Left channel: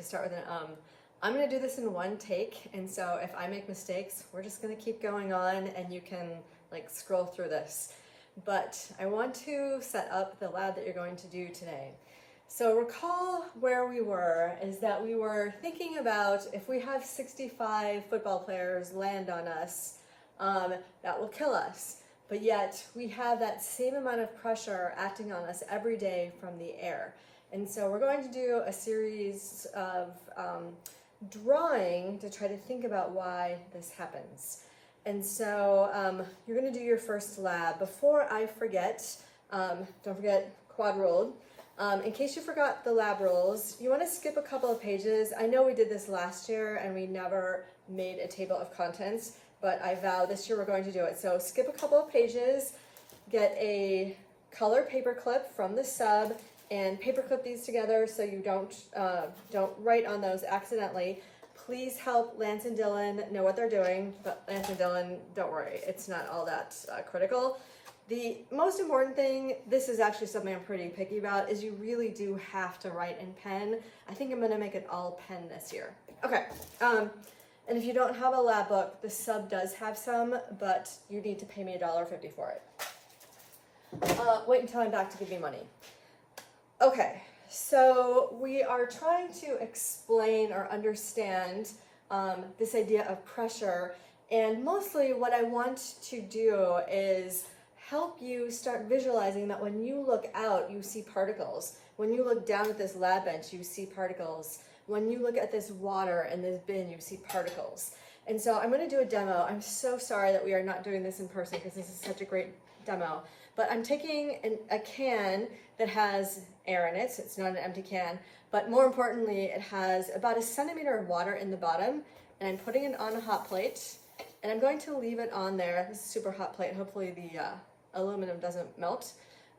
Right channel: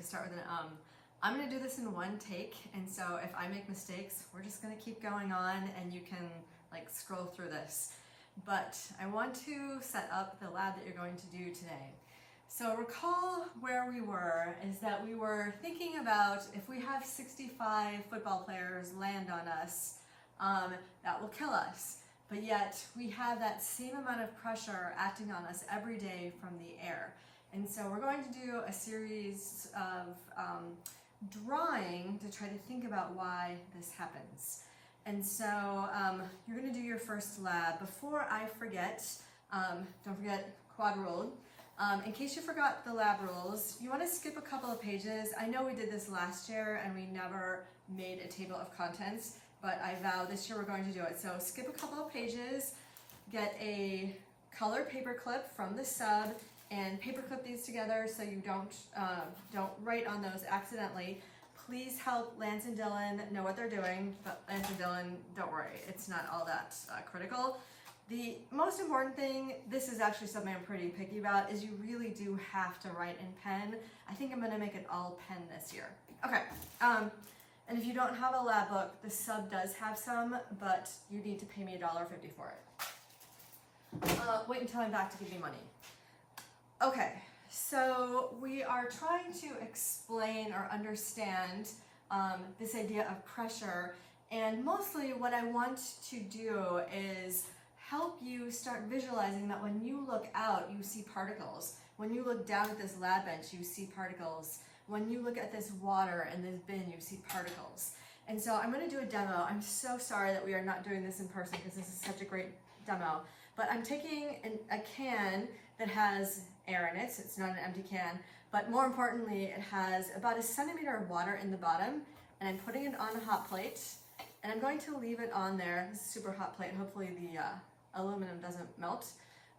to start with an I'm gonna do this in one take, and so if I make mistakes, we're just gonna keep going on and you can like scroll through this. But I want to set up the lab that you're going to do today. So recall where we were, is that we were thinking about if we have 65 football players land on us, that will kill us. But yet we have that same amount of pressure acting on us every day from the air. And so we're going to do a series of drawing to try to think about why this happens. And so you're going to do your first lab. Before I forget, don't forget quad ruled. In case you forgot the lab rules, you want to skip a couple of pages. I know we did this last year and we never made a table of contents, but I vow this year we're going to do it. So skip a couple of pages, get a color paper clip from the sub, and paperclip these together so you don't write on those accidentally. Please help Lance and Dylan know what they're doing, but Lance and Dylan, don't worry, it's not all that critical. The most important thing, this is actually something I'm pretty picky about, is you really do have to write in pen. I think I'm gonna make it all pen this year. Okay, and if you don't have a lab book, the sub does have some, but you need to pay me $1.50 for it. Wait until I'm back to give me money. Okay, so we are trying to explain or understand this idea of pressure, and mostly what I want to do is help you start visualizing that when you look out, you see particles. When you look down at this lab bench, you see particles. When you look at this water and this bin, you see particles. And so I'm going to do a demo. I'm so sorry that we are not doing this in person because this is such a great demo. But I'm taking a can that has air in it, so it's not an empty can, but more importantly, it has about 1 centimeter of water in the bottom, and I'm putting it on a hot plate, and I'm going to leave it on there. This is a super hot plate. Hopefully the aluminum doesn't melt.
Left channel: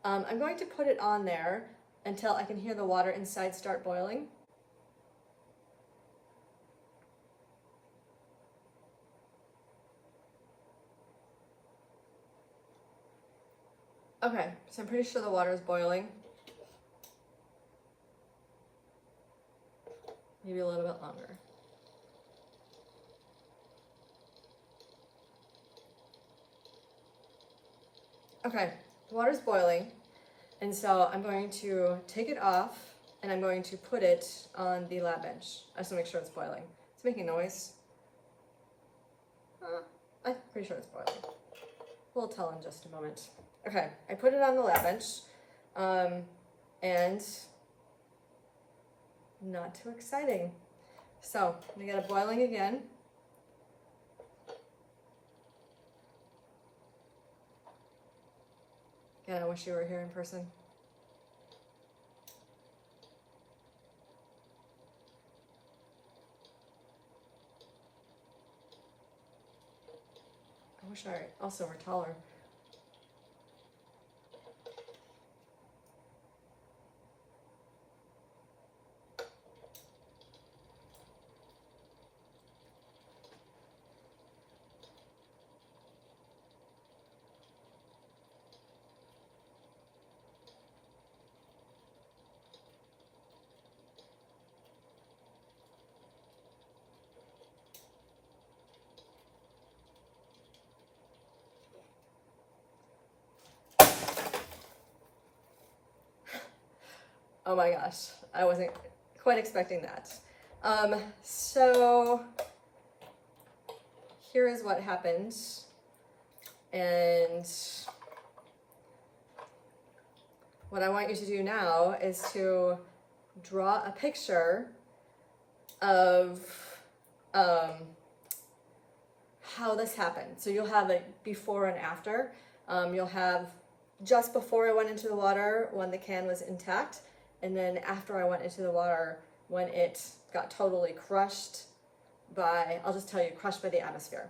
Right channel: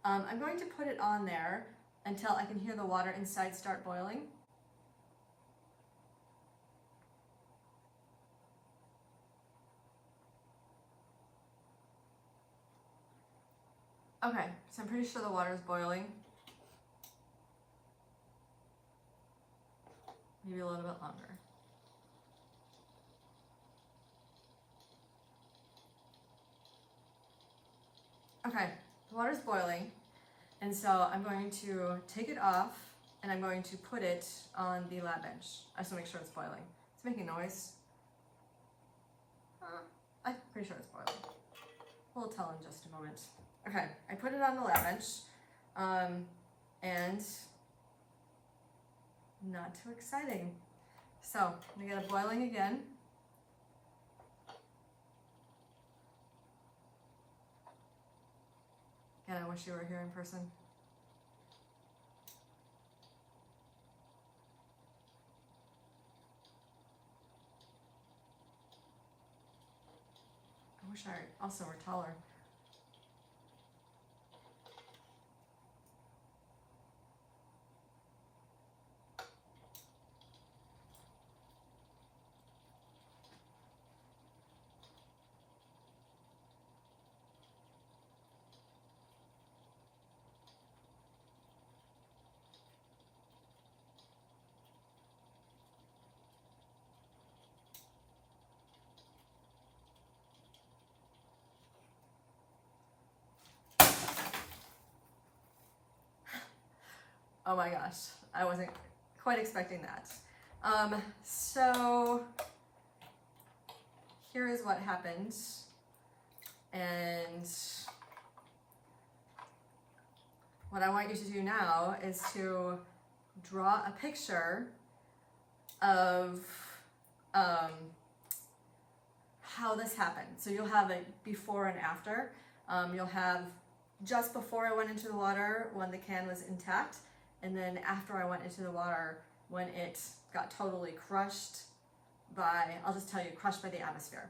I'm going to put it on there until I can hear the water inside start boiling. Okay, so I'm pretty sure the water is boiling. Maybe a little bit longer. Okay, the water's boiling, and so I'm going to take it off and I'm going to put it on the lab bench. I just want to make sure it's boiling. It's making noise. I'm pretty sure it's boiling. We'll tell in just a moment. Okay, I put it on the lab bench, and not too exciting. So we got it boiling again. Again, I wish you were here in person. I wish I also were taller. Oh my gosh, I wasn't quite expecting that. So here is what happened. And what I want you to do now is to draw a picture of how this happened. So you'll have a before and after. You'll have just before I went into the water when the can was intact, and then after I went into the water when it got totally crushed by, I'll just tell you, crushed by the atmosphere.